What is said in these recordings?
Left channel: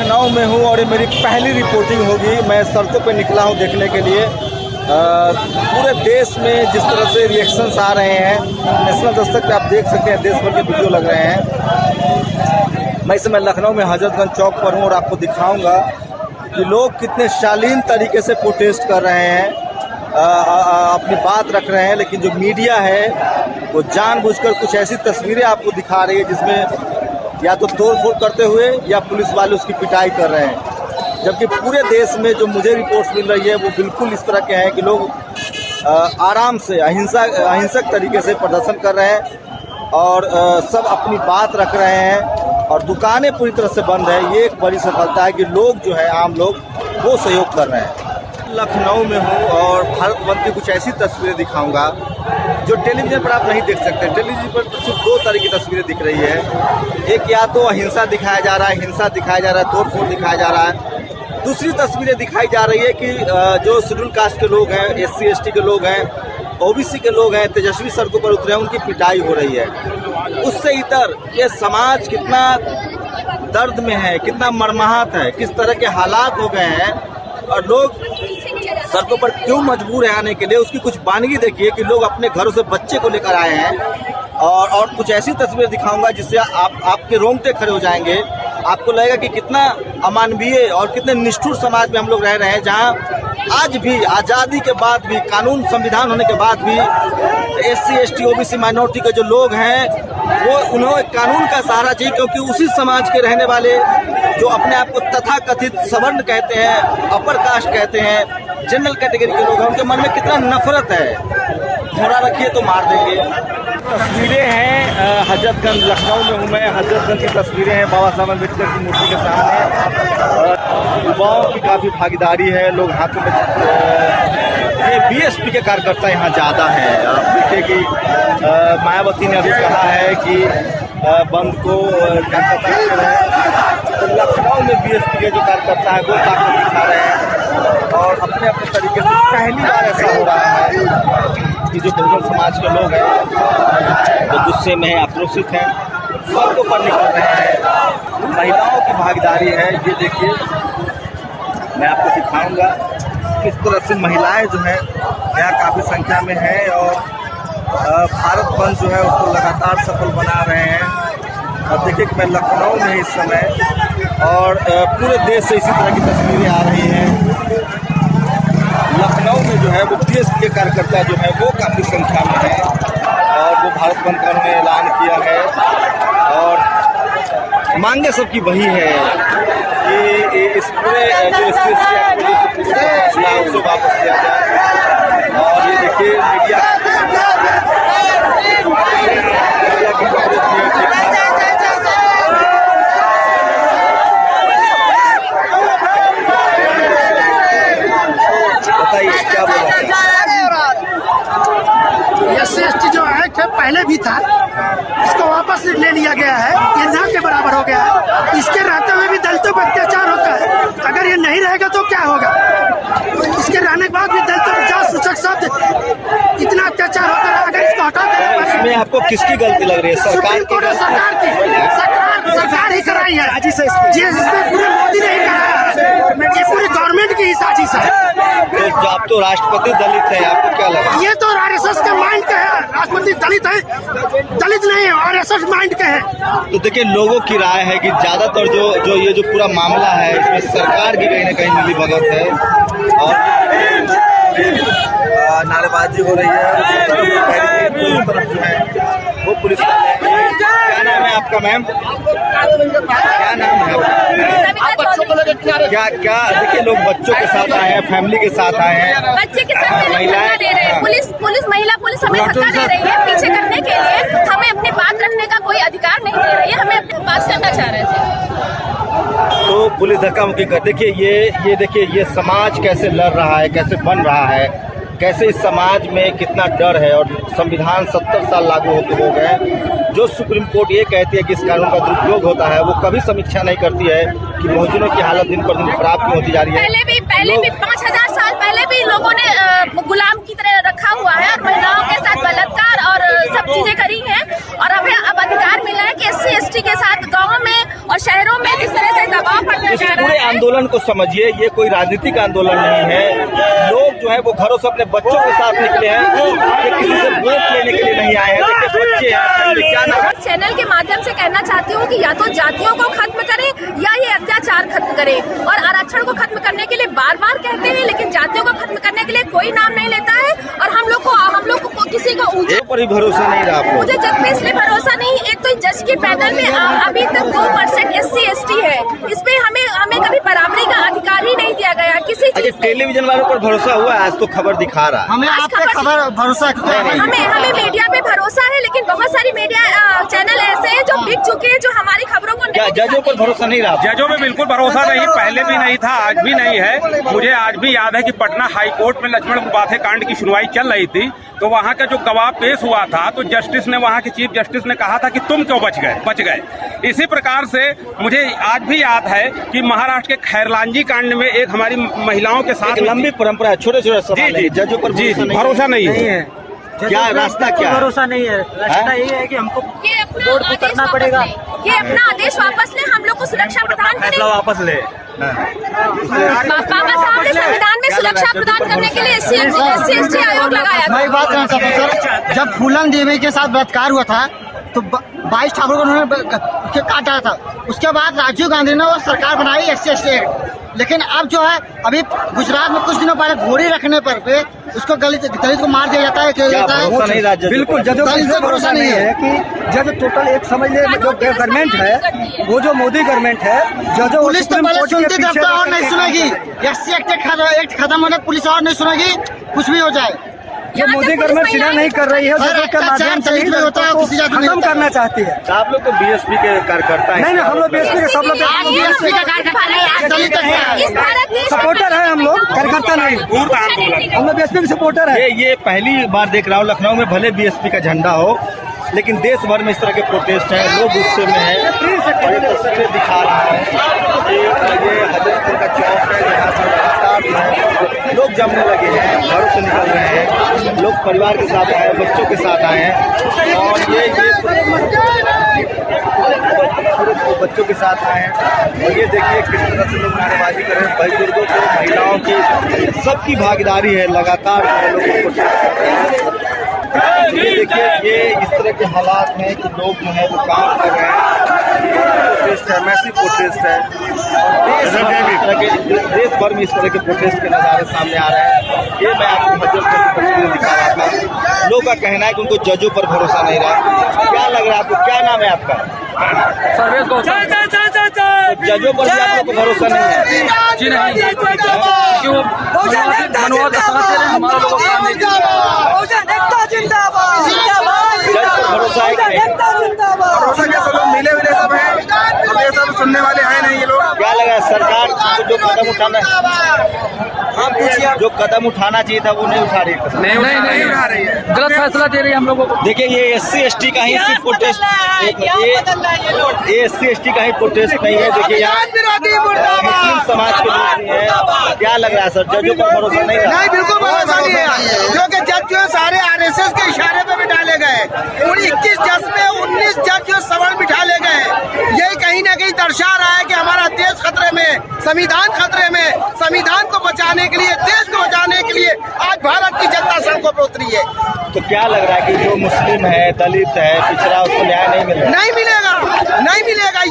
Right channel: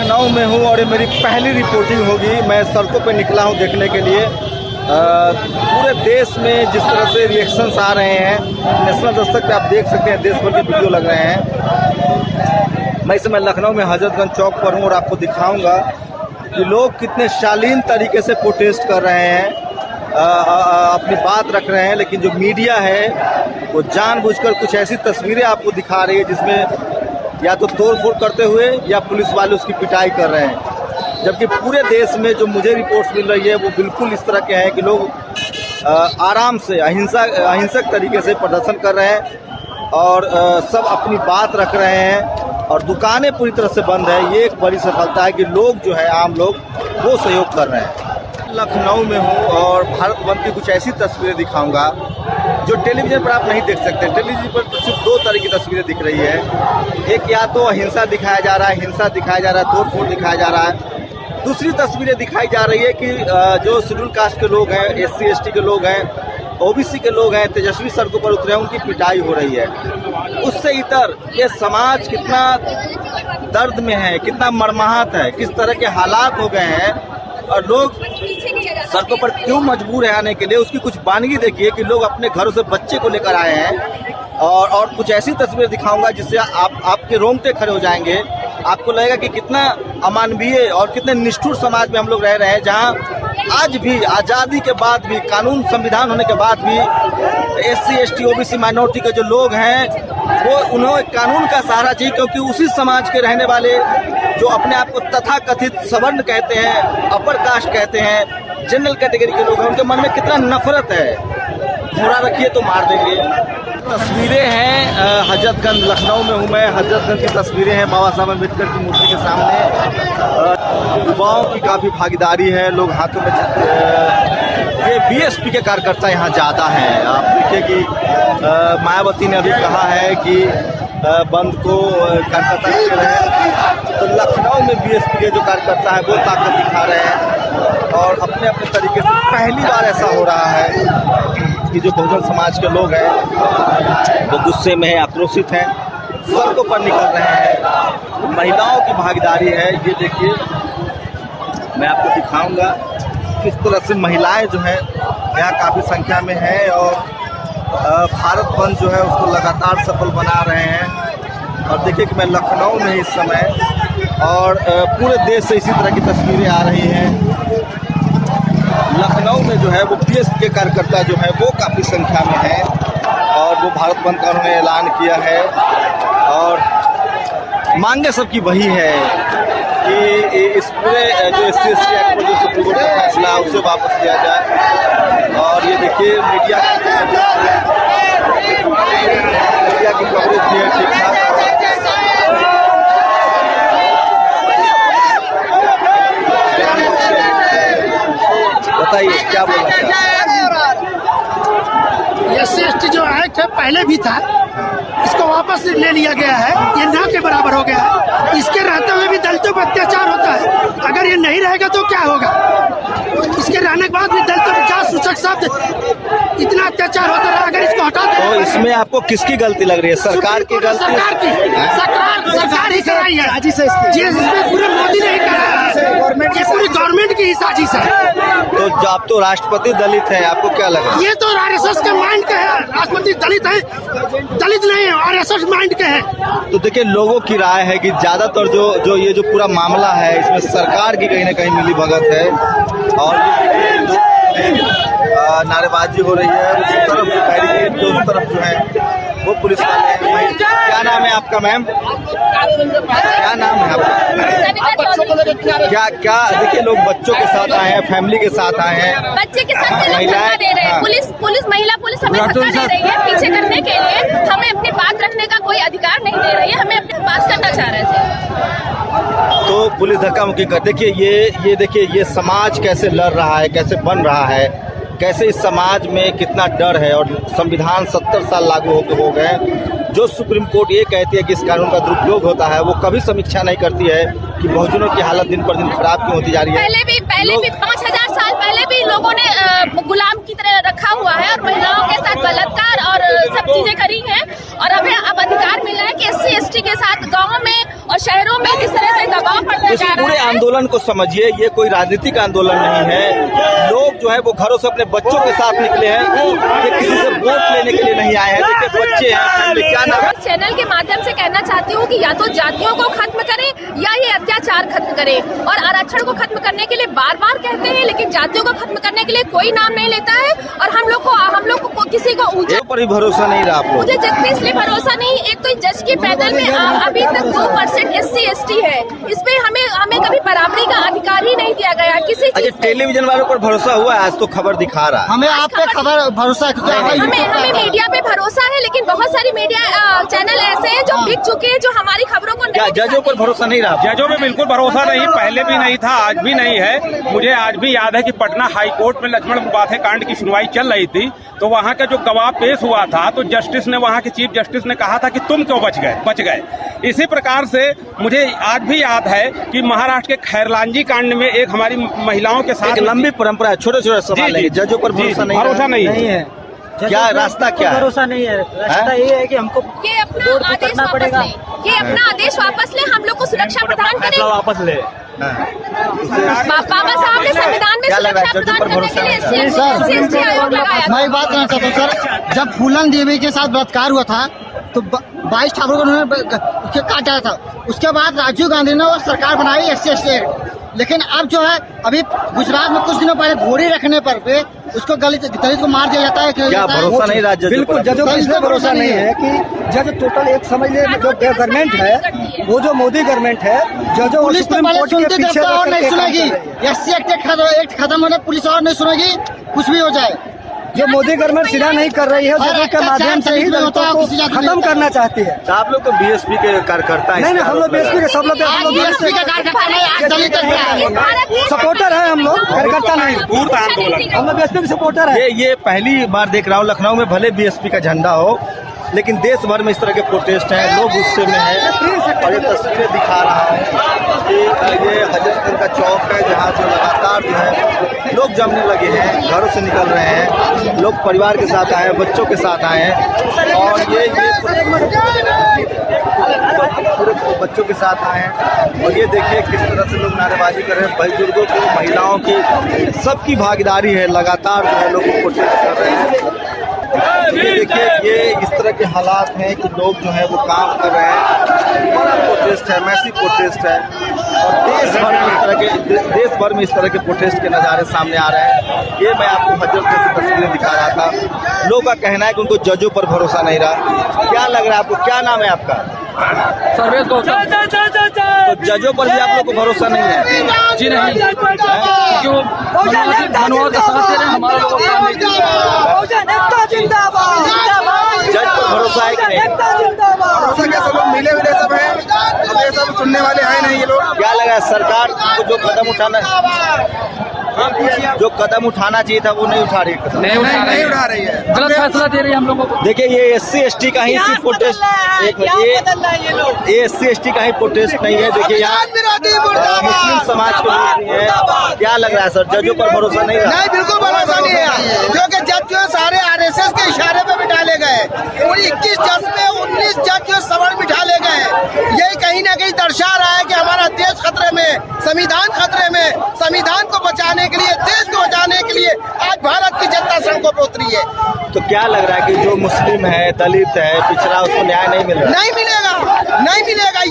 लखनऊ में हूँ और ये मेरी पहली रिपोर्टिंग होगी। मैं सड़कों पे निकला हूँ देखने के लिए पूरे देश में जिस तरह से रिएक्शंस आ रहे हैं। नेशनल दस्तक पे आप देख सकते हैं, देश भर के वीडियो लग रहे हैं। मैं इस समय लखनऊ में हजरतगंज चौक पर हूँ और आपको दिखाऊंगा कि लोग कितने शालीन तरीके से प्रोटेस्ट कर रहे हैं, अपनी बात रख रहे हैं। लेकिन जो मीडिया है वो जानबूझकर कुछ ऐसी तस्वीरें आपको दिखा रही है जिसमें या तो तोड़फोड़ करते हुए या पुलिस वाले उसकी पिटाई कर रहे हैं। जबकि पूरे देश में जो मुझे रिपोर्ट्स मिल रही है वो बिल्कुल इस तरह के हैं कि लोग आराम से अहिंसक तरीके से प्रदर्शन कर रहे हैं और सब अपनी बात रख रहे हैं और दुकानें पूरी तरह से बंद है। ये एक बड़ी सफलता है कि लोग जो है आम लोग वो सहयोग कर रहे हैं। लखनऊ में हूँ और भारत बंद की कुछ ऐसी तस्वीरें दिखाऊंगा जो टेलीविज़न पर आप नहीं देख सकते। टेलीविज़न पर सिर्फ दो तरह की तस्वीरें दिख रही है। एक या तो अहिंसा दिखाया जा रहा है, हिंसा दिखाया जा रहा है, तोड़फोड़ दिखाया जा रहा है। दूसरी तस्वीरें दिखाई जा रही है कि जो शेड्यूल कास्ट के लोग हैं, SC ST के लोग हैं, OBC के लोग हैं, तेजस्वी सड़कों पर उतरे हैं, उनकी पिटाई हो रही है। उससे इतर ये समाज कितना दर्द में है, कितना मर्माहत है, किस तरह के हालात हो गए हैं और लोग सड़कों पर क्यों मजबूर है आने के लिए। उसकी कुछ वानगी देखिए कि लोग अपने घरों से बच्चे को लेकर आए हैं और कुछ ऐसी तस्वीर दिखाऊंगा जिससे आपके रोंगटे खड़े हो जाएंगे। आपको लगेगा कि कितना अमानवीय और कितने निष्ठुर समाज में हम लोग रह रहे हैं, जहां आज भी आज़ादी के बाद भी, कानून संविधान होने के बाद भी SC ST OBC माइनॉरिटी के जो लोग हैं वो उन्हें कानून का सहारा चाहिए, क्योंकि उसी समाज के रहने वाले जो अपने आप को तथाकथित सवर्ण कहते हैं, अपर कास्ट कहते हैं, जनरल कैटेगरी के लोग हैं, उनके मन में कितना नफरत है। घोड़ा रखिए तो मार देंगे। तस्वीरें हैं हजरतगंज, लखनऊ में हूँ मैं। हजरतगंज की तस्वीरें हैं बाबा साहब अम्बेडकर की मूर्ति के सामने। युवाओं की काफ़ी भागीदारी है, लोग हाथों में ये BSP के कार्यकर्ता यहाँ ज़्यादा हैं। आप देखिए कि मायावती ने अभी कहा है कि बंद को कार्यकर्ता कर रहे हैं, तो लखनऊ में BSP के जो कार्यकर्ता है वो ताकत दिखा रहे हैं और अपने अपने तरीके से पहली बार ऐसा हो रहा है कि जो बहुजन समाज के लोग हैं जो गुस्से में है, आक्रोशित हैं, सड़कों पर निकल रहे हैं। महिलाओं की भागीदारी है, ये देखिए मैं आपको दिखाऊंगा किस तरह से महिलाएं जो है यहाँ काफ़ी संख्या में है और भारत बंद जो है उसको लगातार सफल बना रहे हैं। और देखिए कि मैं लखनऊ में इस समय और पूरे देश से इसी तरह की तस्वीरें आ रही हैं। लखनऊ में जो है वो BSP के कार्यकर्ता जो है वो काफ़ी संख्या में है और वो भारत बंद का उन्होंने ऐलान किया है और मांगे सबकी वही है कि इस पूरे जो SC ST एक्ट में जो सुप्रीम कोर्ट का फैसला है उसे वापस लिया जाए। और ये देखिए मीडिया की कवरेज भी है ठीक ठाक। बताइए क्या बोलना चाहिए। SC ST जो एक्ट है पहले भी था, इसको वापस ले लिया गया है, ये ना के बराबर हो गया है। इसके रहते हुए भी दलितों पर अत्याचार होता है, अगर ये नहीं रहेगा तो क्या होगा। इसके रहने के बाद भी दलितों पर जात सूचक शब्द इतना अत्याचार होता रहा, अगर इसको हटा दे। तो इसमें आपको किसकी गलती लग रही है? सरकार की गलती? सरकार ही कराई है जी, इसमें पूरे मोदी ने ही कराया है, ये पूरी गवर्नमेंट की ही साजिश है। तो आप तो राष्ट्रपति दलित है, आपको क्या लगा? ये तो RSS के माइंड के है, राष्ट्रपति दलित है, दलित नहीं है, RSS माइंड के है। तो देखिए लोगों की राय है कि ज्यादातर जो ये जो पूरा मामला है इसमें सरकार की कहीं ना कहीं मिली भगत है और नारेबाजी हो रही है। उस तरफ जो है वो पुलिस वाले हैं। क्या नाम है आपका मैम? क्या नाम है आपका? क्या देखिए लोग बच्चों के साथ आए हैं, फैमिली के साथ आए हैं, बच्चे के साथ महिलाएं दे रहे हैं। महिला पुलिस हमें धक्का दे रही है पीछे करने के लिए। हमें अपनी बात रखने का कोई अधिकार नहीं दे रही है, हमें अपनी बात करना चाह रहे थे तो पुलिस धक्का मुक्की कर। देखिए ये देखिए ये समाज कैसे लड़ रहा है, कैसे बन रहा है, कैसे इस समाज में कितना डर है। और संविधान 70 साल लागू हो गए। जो सुप्रीम कोर्ट ये कहती है कि इस कानून का दुरुपयोग होता है, वो कभी समीक्षा नहीं करती है कि बहुजनों की हालत दिन पर दिन खराब क्यों होती जा रही है। पहले भी 5000 साल पहले भी ही लोगों ने गुलाम की तरह रखा हुआ है और महिलाओं के साथ बलात्कार और सब चीजें करी हैं। और अब अधिकार मिला है कि SC/ST के साथ गाँव में और शहरों में किस तरह से दबाव पड़ता इस जा रहा पूरे है। आंदोलन को समझिए, ये कोई राजनीतिक आंदोलन नहीं है। लोग जो है वो घरों से अपने बच्चों के साथ निकले हैं, ये किसी से वोट लेने के लिए नहीं आए हैं। देखिए बच्चे हैं, फैमिली, क्या नाम है? चैनल के माध्यम से कहना चाहती हूँ कि या तो जातियों को खत्म करें या ये अत्याचार खत्म करें। और आरक्षण को खत्म करने के लिए बार बार कहते हैं, लेकिन जातियों को खत्म करने के लिए कोई नाम नहीं लेता है। और हम लोग को किसी को ऊंचे पर भी भरोसा नहीं रहा आप लोग। मुझे जज पे इसलिए भरोसा नहीं, एक तो जज के पैनल में अभी तक 2% SC/ST है। इसमें हमें कभी बराबरी का अधिकार ही नहीं दिया गया किसी चीज पे। टेलीविजन वालों पर भरोसा हुआ है, आज तो खबर दिखा रहा है। हमें आप पे खबर भरोसा हमें मीडिया पे भरोसा है, लेकिन बहुत सारी मीडिया चैनल ऐसे हैं जो बिक चुके हैं, जो हमारी खबरों को क्या जजों पर भरोसा नहीं रहा? जजों में बिल्कुल भरोसा नहीं, पहले भी नहीं था, आज भी नहीं है। मुझे आज भी याद है कि पटना हाई कोर्ट में लक्ष्मण मुबाथे कांड की सुनवाई चल रही थी, तो वहाँ का जो गवाह पेश हुआ था, तो जस्टिस ने, वहाँ के चीफ जस्टिस ने कहा था कि तुम क्यों बच गए। इसी प्रकार से मुझे आज भी याद है कि महाराष्ट्र के खैरलांजी कांड में एक हमारी महिलाओं के साथ एक लंबी परंपरा है, छोटे छोटे सवाल है, जजों पर भरोसा नहीं है। क्या रास्ता क्या है? भरोसा नहीं है, रास्ता ये है कि हमको रोड को करना पड़ेगा। ये अपना आदेश वापस ले, हम लोग को सुरक्षा प्रदान करें। वापस ले। बाबा साहब ने संविधान में सुरक्षा प्रदान करने के लिए SC/ST आयोग लगाया था। मैं एक बात कहना चाहता हूँ सर, जब फूलन देवी के साथ बलात्कार हुआ था तो 22 ठाकुर को उन्होंने काटा था। उसके बाद राजीव गांधी ने वो सरकार बनाई SC/ST एक्ट। लेकिन अब जो है, अभी गुजरात में कुछ दिनों पहले घोड़ी रखने पर पे उसको दलित को मार दिया जाता है। क्या भरोसा नहीं रहा? बिल्कुल जजों को इसलिए भरोसा नहीं है कि जज टोटल एक समझ ले, जो गवर्नमेंट है वो जो मोदी गवर्नमेंट है, जजों पुलिस तो पहले और नहीं सुनेगी। SC एक्ट खत्म होने पुलिस और नहीं सुनेगी, कुछ भी हो जाए। ये मोदी गवर्नमेंट सीधा नहीं कर रही है, जजों के माध्यम से ही दलितों को खत्म करना चाहती है। तो आप लोग तो BSP के कार्यकर्ता हैं? नहीं, हम लोग BSP के सब लोग सपोर्टर है, हम लोग कार्यकर्ता नहीं, हम लोग BSP के सपोर्टर है। ये पहली बार देख रहा हूँ लखनऊ में, भले BSP का झंडा हो, लेकिन देश भर में इस तरह के प्रोटेस्ट हैं, लोग गुस्से में हैं। और ये तस्वीरें दिखा रहा हूँ कि ये हजरतपुर का चौक है, जहाँ से लगातार जो है लोग जमने लगे हैं, घरों से निकल रहे हैं, लोग परिवार के साथ आए हैं, बच्चों के साथ आए हैं। और ये बच्चों के साथ आए हैं। और ये देखिए किस तरह से लोग नारेबाजी कर रहे हैं, बुजुर्गों को, महिलाओं की, सबकी भागीदारी है, लगातार जो है लोग प्रोटेस्ट कर रहे हैं। ये देखिए, ये इस तरह के हालात हैं कि लोग जो है वो काम कर रहे हैं, बड़ा प्रोटेस्ट है, मैसिव प्रोटेस्ट है। और देश भर में इस तरह के प्रोटेस्ट के नज़ारे सामने आ रहे हैं। ये मैं आपको हजरतपुर की तस्वीरें दिखा रहा था। लोगों का कहना है कि उनको जजों पर भरोसा नहीं रहा। क्या लग रहा है आपको? क्या नाम है आपका? सर्वेश गौतम। तो जजों पर भी आप लोग को भरोसा नहीं है? जी नहीं, जो मनोवाद का साथ दे रहे हैं, हमारा लोगों का काम नहीं। जज पर भरोसा है कि नहीं? भरोसा क्या, सब लोग मिले हुए सब हैं, अब ये सब सुनने वाले हैं नहीं ये लोग। क्या लगा सरकार को जो कदम उठाना चाहिए था वो नहीं उठा रही है? नहीं उठा रही है, गलत फैसला दे रही है हम लोगों को। देखिए ये SC/ST का ही सिर्फ प्रोटेस्ट, ये SC/ST का ही प्रोटेस्ट नहीं है। देखिए यहाँ मुस्लिम समाज के लोग भी हैं। क्या लग रहा है सर, जजों पर भरोसा नहीं रहा? नहीं बिल्कुल भरोसा नहीं है, क्योंकि जज जो सारे RSS के इशारे पे बिठा ले गए। पूरी 21 जज में 19 जज जो सवर्ण बिठा ले गए। यही कहीं ना कहीं दर्शा रहा है कि हमारा देश खतरे में, संविधान खतरे में। संविधान को बचाने के लिए, देश को बचाने के लिए आज भारत की जनता सड़कों पर उतरी है। तो क्या लग रहा है कि जो मुस्लिम है, दलित है, पिछड़ा, उसको न्याय नहीं मिल रहा? नहीं मिलेगा, नहीं मिलेगा।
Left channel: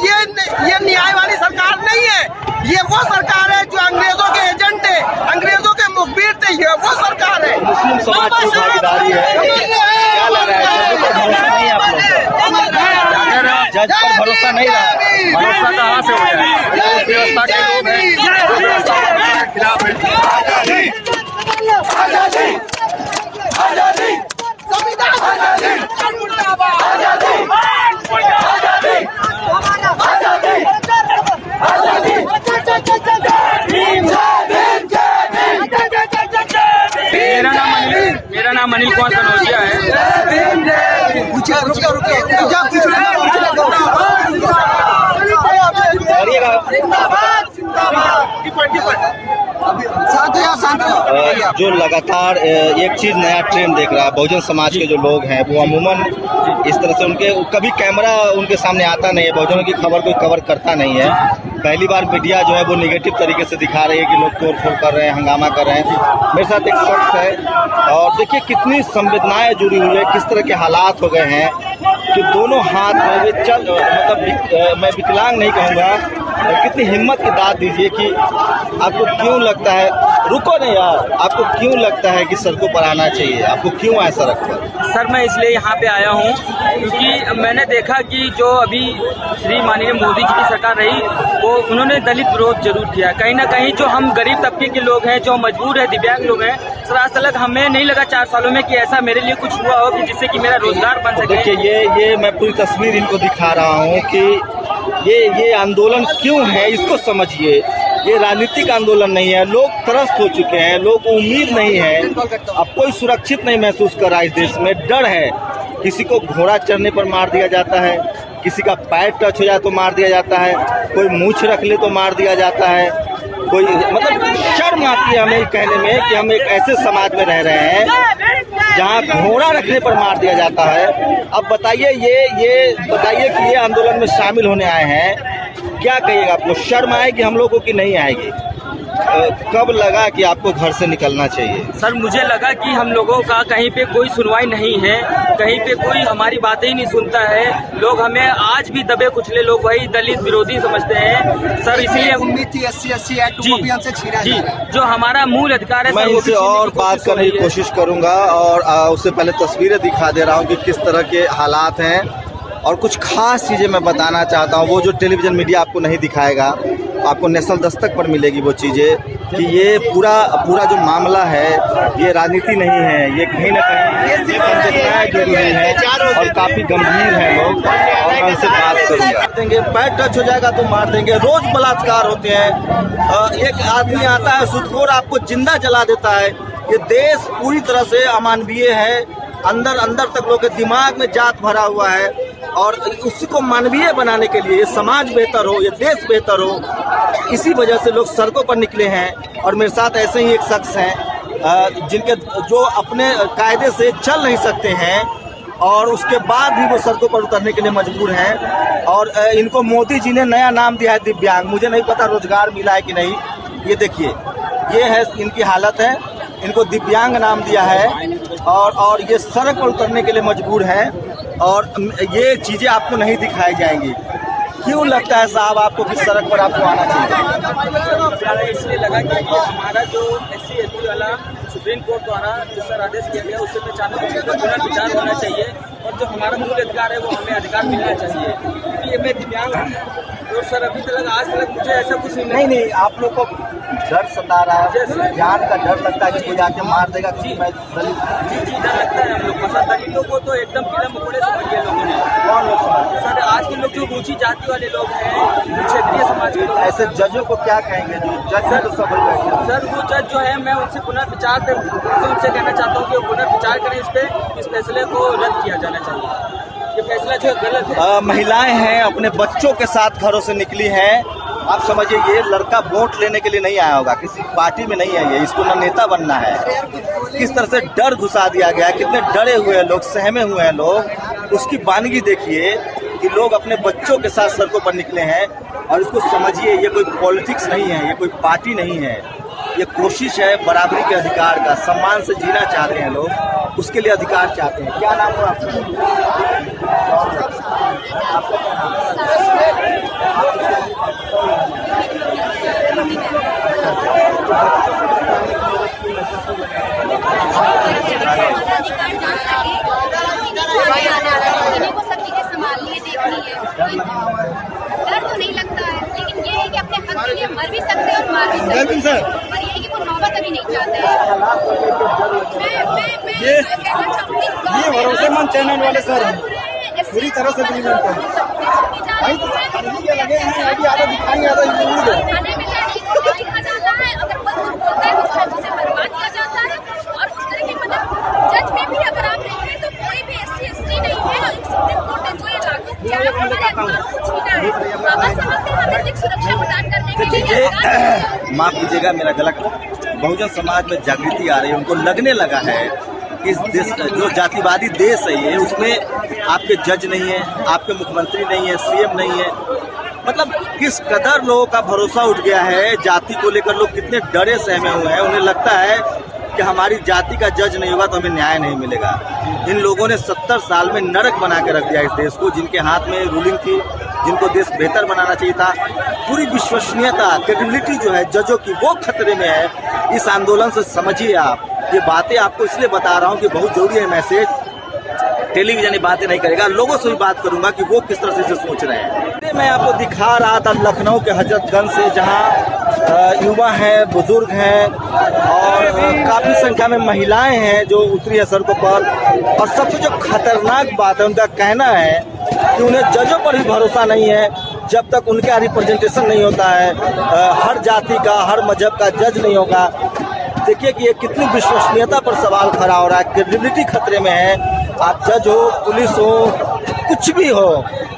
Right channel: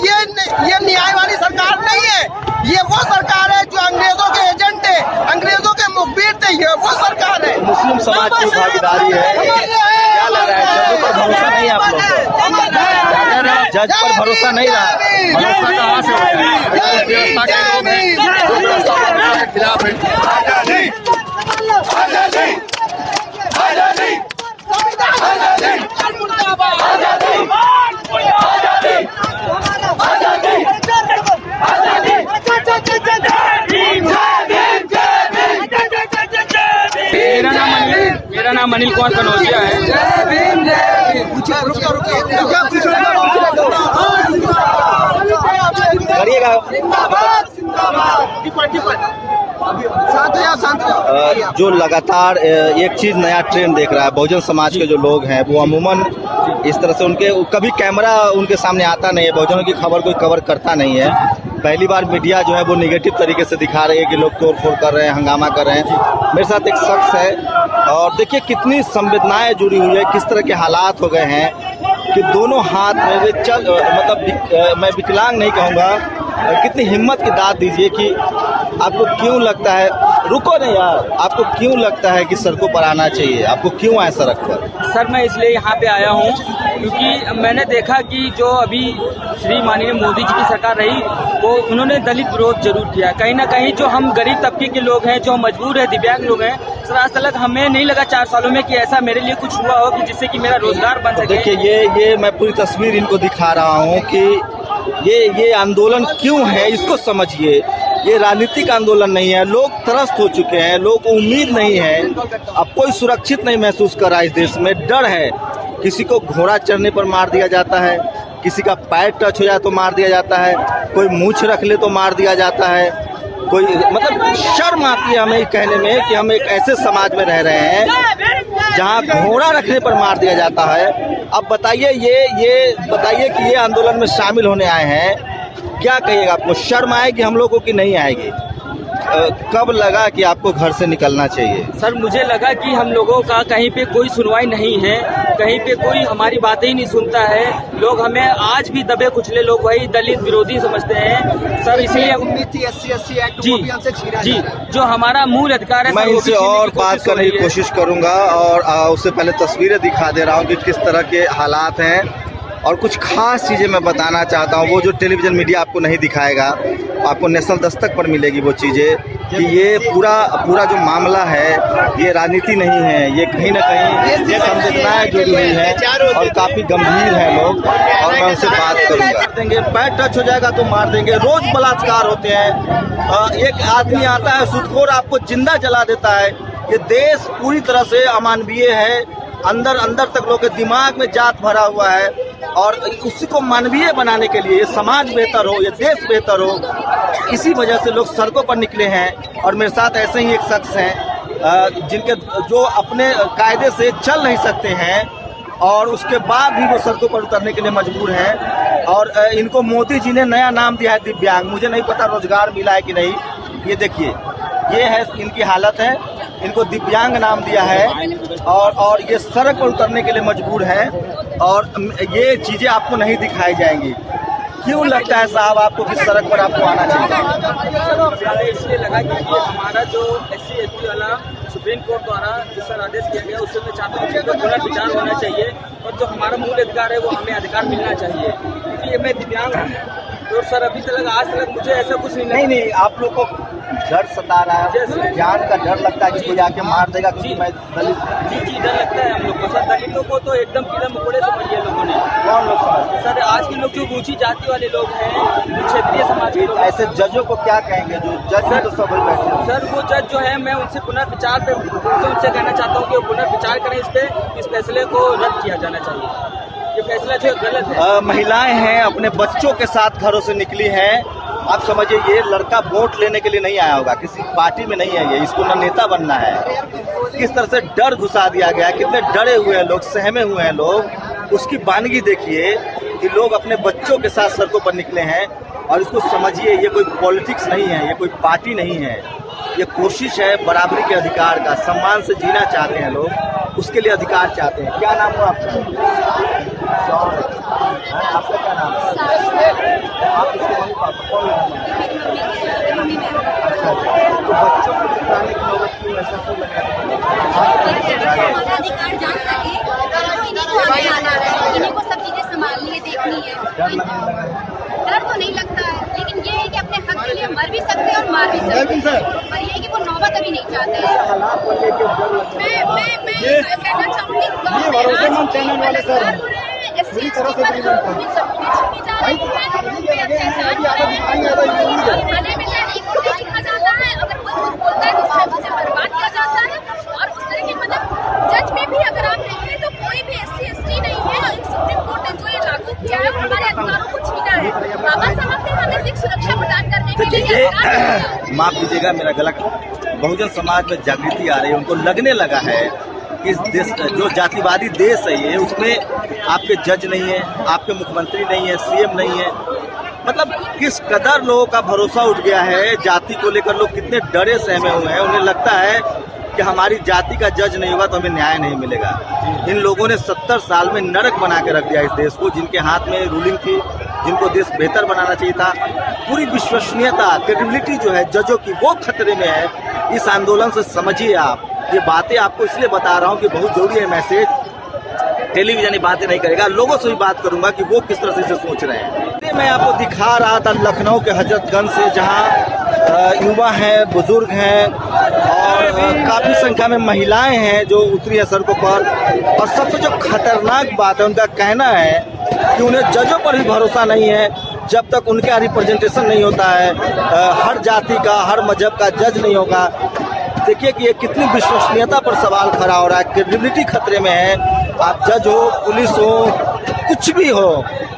ये न्याय वाली सरकार नहीं है। ये वो सरकार है जो अंग्रेजों के एजेंट है, अंग्रेजों के मुखबिर थे। ये वो सरकार है। मुस्लिम समाज की भागीदारी है। क्या लग रहा है, जजों पर भरोसा नहीं है आप लोग को? जज पर भरोसा नहीं रहा? भरोसा कहाँ से हो जाए? उस व्यवस्था के लोग हैं जो व्यवस्था के खिलाफ हैं। मेरा नाम अनिल कुमार कनौजिया है। करिएगा। जो लगातार एक चीज नया ट्रेंड देख रहा है, बहुजन समाज के जो लोग हैं वो अमूमन इस तरह से उनके कभी कैमरा उनके सामने आता नहीं है, बहुजनों की खबर कोई कवर करता नहीं है। पहली बार मीडिया जो है वो निगेटिव तरीके से दिखा रही है कि लोग तोड़ फोड़ कर रहे हैं, हंगामा कर रहे हैं। मेरे साथ एक शख्स है और देखिए कितनी संवेदनाएं जुड़ी हुई है, किस तरह के हालात हो गए हैं कि दोनों हाथ में वे चल मतलब मैं विकलांग नहीं कहूँगा, कितनी हिम्मत की दाद दीजिए कि आपको क्यों लगता है, रुको नहीं यार, आपको क्यों लगता है कि सड़कों पर आना चाहिए, आपको क्यों आए सड़क पर? सर मैं इसलिए यहाँ पे आया हूँ क्योंकि मैंने देखा कि जो अभी श्री माननीय मोदी जी की सरकार रही वो उन्होंने दलित विरोध जरूर किया। कहीं ना कहीं जो हम गरीब तबके के लोग हैं, जो मजबूर है, दिव्यांग लोग हैं, सर आज तक हमें नहीं लगा 4 सालों में कि ऐसा मेरे लिए कुछ हुआ हो कि जिससे कि मेरा रोजगार बन सके। देखिए ये मैं पूरी तस्वीर इनको दिखा रहा हूँ कि ये आंदोलन क्यों है, इसको समझिए। ये राजनीतिक आंदोलन नहीं है, लोग त्रस्त हो चुके हैं, लोगों को उम्मीद नहीं है, अब कोई सुरक्षित नहीं महसूस कर रहा है। इस देश में डर है, किसी को घोड़ा चढ़ने पर मार दिया जाता है, किसी का पैर टच हो जाए तो मार दिया जाता है, कोई मूंछ रख ले तो मार दिया जाता है, कोई मतलब शर्म आती है हमें कहने में कि हम एक ऐसे समाज में रह रहे हैं जहाँ घोड़ा रखने पर मार दिया जाता है। अब बताइए ये बताइए कि ये आंदोलन में शामिल होने आए हैं, क्या कहिएगा? आपको शर्म आएगी हम लोगों की नहीं आएगी? कब लगा कि आपको घर से निकलना चाहिए? सर मुझे लगा कि हम लोगों का कहीं पे कोई सुनवाई नहीं है, कहीं पे कोई हमारी बातें ही नहीं सुनता है। लोग हमें आज भी दबे कुचले लोग वही दलित विरोधी समझते हैं सर, इसीलिए जी जो हमारा मूल अधिकार है मैं इनसे और बात करने की कोशिश करूंगा और उससे पहले तस्वीरें दिखा दे रहा हूँ कि किस तरह के हालात हैं और कुछ खास चीज़ें मैं बताना चाहता हूँ। वो जो टेलीविज़न मीडिया आपको नहीं दिखाएगा, आपको नेशनल दस्तक पर मिलेगी वो चीज़ें कि ये पूरा जो मामला है ये राजनीति नहीं है, ये कहीं ना कहीं संवेदनाएं जुड़ी हुई है और काफ़ी गंभीर हैं लोग। और मैं उनसे बात करूँगा। देंगे पैर टच हो जाएगा तो मार देंगे, रोज़ बलात्कार होते हैं, एक आदमी आता है सुदखोर आपको जिंदा जला देता है। ये देश पूरी तरह से अमानवीय है, अंदर तक लोग के दिमाग में जात भरा हुआ है और उसी को मानवीय बनाने के लिए, ये समाज बेहतर हो, ये देश बेहतर हो, इसी वजह से लोग सड़कों पर निकले हैं। और मेरे साथ ऐसे ही एक शख्स हैं जिनके जो अपने कायदे से चल नहीं सकते हैं और उसके बाद भी वो सड़कों पर उतरने के लिए मजबूर हैं। और इनको मोदी जी ने नया नाम दिया है दिव्यांग, मुझे नहीं पता रोजगार मिला है कि नहीं। ये देखिए ये है इनकी हालत है, इनको दिव्यांग नाम दिया है और ये सड़क पर उतरने के लिए मजबूर हैं और ये चीज़ें आपको नहीं दिखाई जाएंगी। क्यों लगता है साहब आपको कि सड़क पर आपको आना चाहिए? इसलिए लगा कि ये हमारा जो SC/ST वाला सुप्रीम कोर्ट द्वारा जिस पर आदेश किया गया उससे मैं चाहता हूँ कि पुनर्विचार होना चाहिए और जो हमारा मूल अधिकार है वो हमें अधिकार मिलना चाहिए। क्योंकि मैं दिव्यांग हूँ तो सर अभी तक आज तक मुझे ऐसा कुछ नहीं आप लोग को डर सता रहा है, जान का डर लगता है कि कोई आके मार देगा क्योंकि मैं दलित। जी डर लगता है हम लोग को सर। दलितों को तो एकदम कीड़ा मकोड़े समझ लिया लोगों ने। कौन लोग समझते सर? आज के लोग जो ऊंची जाति वाले लोग हैं, जो क्षेत्रीय समाज के लोग, ऐसे जजों को क्या कहेंगे? जो जज है तो सब बैठे सर वो जज जो है मैं उनसे पुनर्विचार उनसे कहना चाहता हूँ कि वो पुनर्विचार करें, इस फैसले को रद्द किया जाना चाहिए। ये फैसला जो गलत है। महिलाएं हैं अपने बच्चों के साथ घरों से निकली हैं। आप समझिए ये लड़का वोट लेने के लिए नहीं आया होगा, किसी पार्टी में नहीं है, ये इसको न नेता बनना है। किस तरह से डर घुसा दिया गया, कितने डरे हुए हैं लोग, सहमे हुए हैं लोग। उसकी वानगी देखिए कि लोग अपने बच्चों के साथ सड़कों पर निकले हैं। और इसको समझिए ये कोई पॉलिटिक्स नहीं है, ये कोई पार्टी नहीं है, ये कोशिश है बराबरी के अधिकार का। सम्मान से जीना चाहते हैं लोग, उसके लिए अधिकार चाहते हैं। क्या नाम हो आपका? आपका क्या नाम है? आप उसके मम्मी पापा कौन है? अच्छा, तो बच्चों को दिखाने की नौबत क्यों ऐसा क्यों लगा? सब चीजें संभालनी है, देखनी है। डर लगने लगा है? डर तो नहीं लगता है, लेकिन ये है कि अपने हक के लिए मर भी सकते हैं और मार भी सकते हैं, पर ये है कि वो नौबत अभी नहीं चाहता है। हालात पर लेके डर लगता है। मैं कहना चाहूँगी भरोसेमंद चैनल वाले सर पूरी तरह से थाने में जाने को लिखा जाता है, अगर कोई कुछ बोलता है तो उसे बर्बाद किया जाता है। और उस तरह के मतलब जज में भी अगर आप देखें तो कोई भी SC/ST नहीं है। और सुप्रीम कोर्ट ने जो ये लागू किया है हमारे अधिकारों को छीना है। बाबा साहब ने हमें सिर्फ सुरक्षा प्रदान करने के लिए माफ कीजिएगा मेरा गला बहुजन समाज में जागृति आ रही है, उनको लगने लगा है कि इस देश जो जातिवादी देश है ये, उसमें आपके जज नहीं है, आपके मुख्यमंत्री नहीं है, सीएम नहीं है। मतलब किस कदर लोगों का भरोसा उठ गया है, जाति को लेकर लोग कितने डरे सहमे हुए हैं। उन्हें लगता है कि हमारी जाति का जज नहीं होगा तो हमें न्याय नहीं मिलेगा। इन लोगों ने 70 साल में नरक बना के रख दिया इस देश को, जिनके हाथ में रूलिंग थी, जिनको देश बेहतर बनाना चाहिए था। पूरी विश्वसनीयता, क्रेडिबिलिटी जो है जजों की, वो खतरे में है। इस आंदोलन से समझिए आप, ये बातें आपको इसलिए बता रहा हूँ कि बहुत जरूरी है मैसेज। टेलीविजन ये बातें नहीं करेगा, लोगों से भी बात करूंगा कि वो किस तरह से इसे सोच रहे हैं। मैं आपको दिखा रहा था लखनऊ के हजरतगंज से, जहां युवा हैं, बुजुर्ग हैं और काफी संख्या में महिलाएं हैं जो उतरी है सड़कों पर। और सबसे जो खतरनाक बात है, उनका कहना है कि उन्हें जजों पर भी भरोसा नहीं है जब तक उनके यहाँ रिप्रेजेंटेशन नहीं होता है, हर जाति का, हर मजहब का जज नहीं होगा। देखिए कि ये कितनी विश्वसनीयता पर सवाल खड़ा हो रहा है, क्रेडिबिलिटी खतरे में है। आप जज हो, पुलिस हो, कुछ भी हो,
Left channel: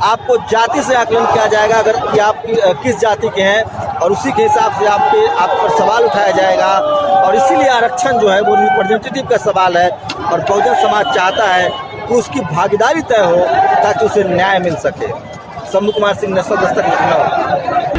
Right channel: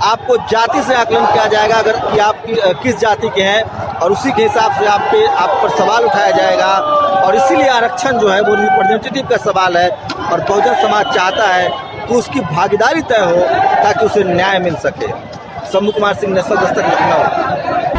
आपको जाति से आकलन किया जाएगा अगर कि आप किस जाति के हैं, और उसी के हिसाब से आप पर सवाल उठाया जाएगा। और इसीलिए आरक्षण जो है वो रिप्रेजेंटेटिव का सवाल है, और बहुजन समाज चाहता है कि उसकी भागीदारी तय हो ताकि उसे न्याय मिल सके। शंभू कुमार सिंह, नेशनल दस्तक, लखनऊ।